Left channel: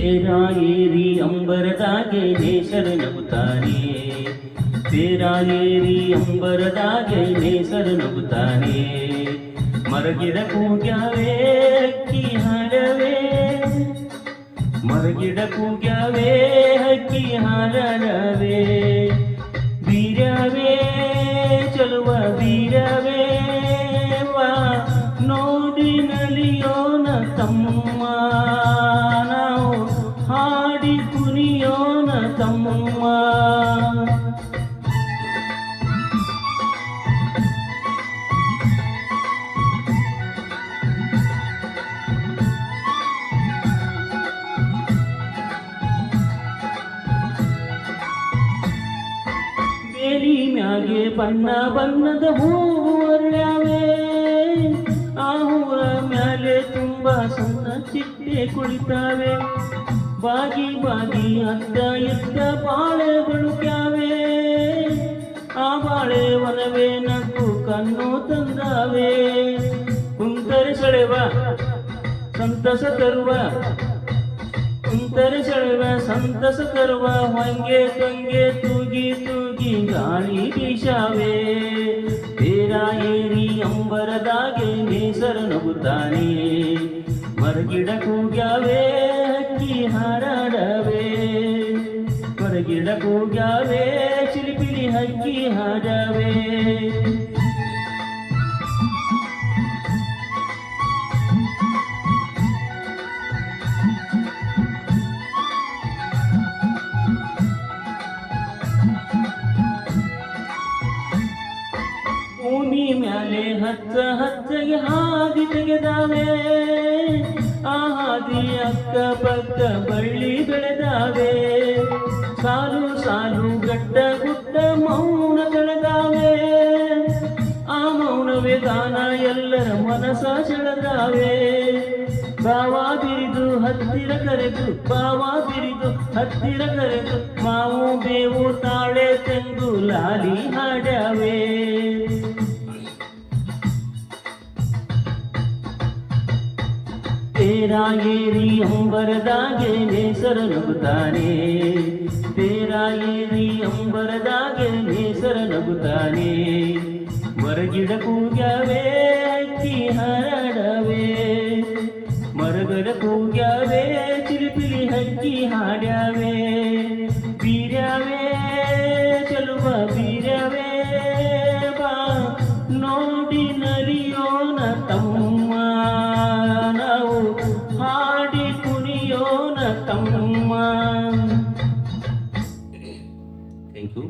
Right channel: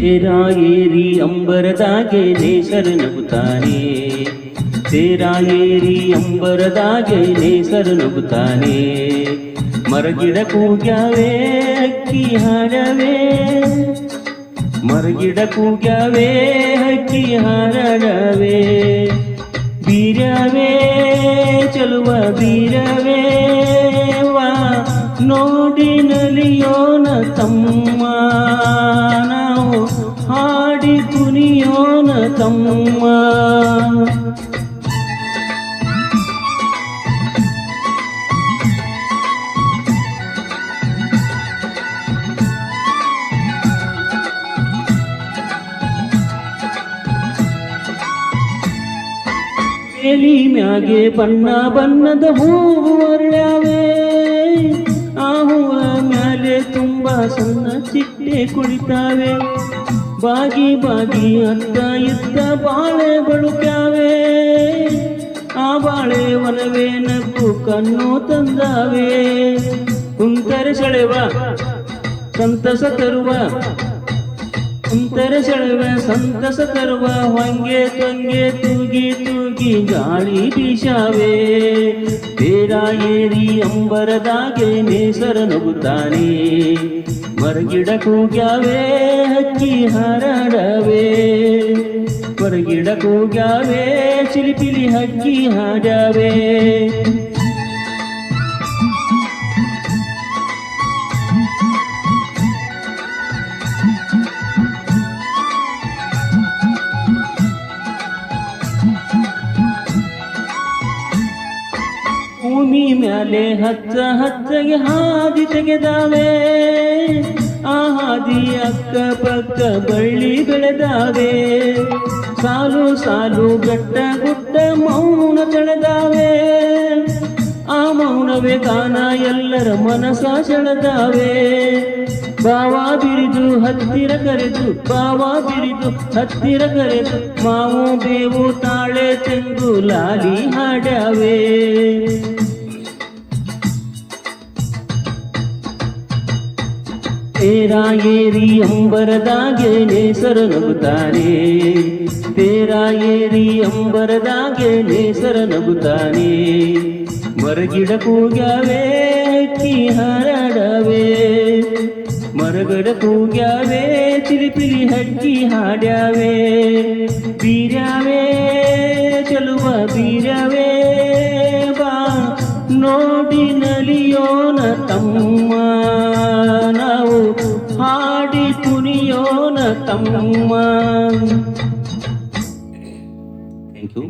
ತೇರ ಏರಿ ಅಂಬರದಾಗೆ ನೇಸರು ನಗುತ್ತಾನೆ, ತೇರ ಏರಿ ಅಂಬರದಾಗೆ ನೇಸರು ನಗುತ್ತಾನೆ. ಮರಗಿಡ ಕೂಗ್ಯಾವೆ ಹಕ್ಕಿ ಹಾಡವೇ, ಮರಗಿಡ ಕೂಗ್ಯಾವೆ ಹಕ್ಕಿ ಹಾಡವೇ. ಬೀರವೇ ಚಲುವ ಬೀರವೇ ವಾ ನೋಡಿ ನಲಿಯೋನ ತಮ್ಮ, ನಾವು ಹಾಡಿ ಕುಣಿಯೋನ ತಮ್ಮ. ಬೇಲಿ ಮ್ಯಾಗೆ ಬಣ್ಣ ಬಣ್ಣದ ಹೂವು ಅರಳ್ಯಾವೆ, ಆ ಹೂವ ಮ್ಯಾಲೆ ತುಂಬ ಸಣ್ಣ ಚಿಟ್ಟೆ ಕುಳಿತಾವೆ. ಬಾಗಿ ಬಾಗಿ ಅತ್ತ ಇತ್ತ ಬಾಳೆ ಬಳುಕ್ಯಾವೆ, ಆ ಬಾಳೆ ಒಲವೇ ನಕ್ಕು ಕಣ್ಣು ತಂದಾವೆ. ಕುಂತರ ಸೆಳೆವ ಸಂತಸ ತರುವ, ಕುಂತರ ಸೆಳೆವ ಸಂತಸ ತರುವ, ಹೊಂಗೆ ತೊಂಗೆ ತೂಗಿ ತೂಗಿ ಗಾಳಿ ಬೀಸಾವೆ. ತೇರ ಏರಿ ಅಂಬರದಾಗೆ ನೇಸರ ನಗುತ್ತಾನೆ, ಮರಗಿಡ ಕೂಗ್ಯಾವೆ ಹಕ್ಕಿ ಹಾಡಾಡವೆ, ಮರಗಿಡ ಕೂಗ್ಯಾವೆ ಚಿಲಿಪಿಲಿ ಹಕ್ಕಿ ಹಾಡಾವೆ. ಭೂಮಿ ಮ್ಯಾಲೆ ಹಚ್ಚ ಹಚ್ಚಗೆ ಹಾದಿ ತೆಗೆದಾವೆ, ಆ ಹಾದಿ ಅಕ್ಕ ಪಕ್ಕ ಬಳ್ಳಿ ಬೆಳೆದಾವೆ. ಸಾಲು ಸಾಲು ಗಟ್ಟ ಗುಡ್ಡ ಮೌನ ತಳೆದಾವೆ, ಆ ಮೌನವೇ ಗಾನ ಎಲ್ಲರ ಮನಸ ಸೆಳೆದಾವೆ. ಬಾವ ಬಿರಿದು ಹತ್ತಿರ ಕರೆದು, ಬಾವ ಬಿರಿದು ಹತ್ತಿರ ಕರೆದು, ಮಾವು ಬೇವು ತಾಳೆ ತೆಂಗು ಲಾಲಿ ಹಾಡಾವೆ. ತೇರ ಏರಿ ಅಂಬರದಾಗೆ ನೇಸರು ನಗುತ್ತಾನೆ, ತೇರ ಏರಿ ಅಂಬರದಾಗೆ ನೇಸರು ನಗುತ್ತಾನೆ. ಮರಗಿಡ ಕೂಗ್ಯಾವೆ ಹಕ್ಕಿ ಹಾಡಾಡವೆ, ಮರಗಿಡ ಕೂಗ್ಯಾವೆ ಚಿಲಿಪಿಲಿ ಹಕ್ಕಿ ಹಾಡ್ಯಾವೆ. ಬೀರ್ಯಾವೆ ಚಲುವ ಬೀರ್ಯಾವೆ ಬಾ ನೋಡಿ ನಲಿಯೋನ ತಮ್ಮ, ನಾವು ಹಾಡಿ ಕುಣಿಯೋನ ತಮ್ಮ. Thank you.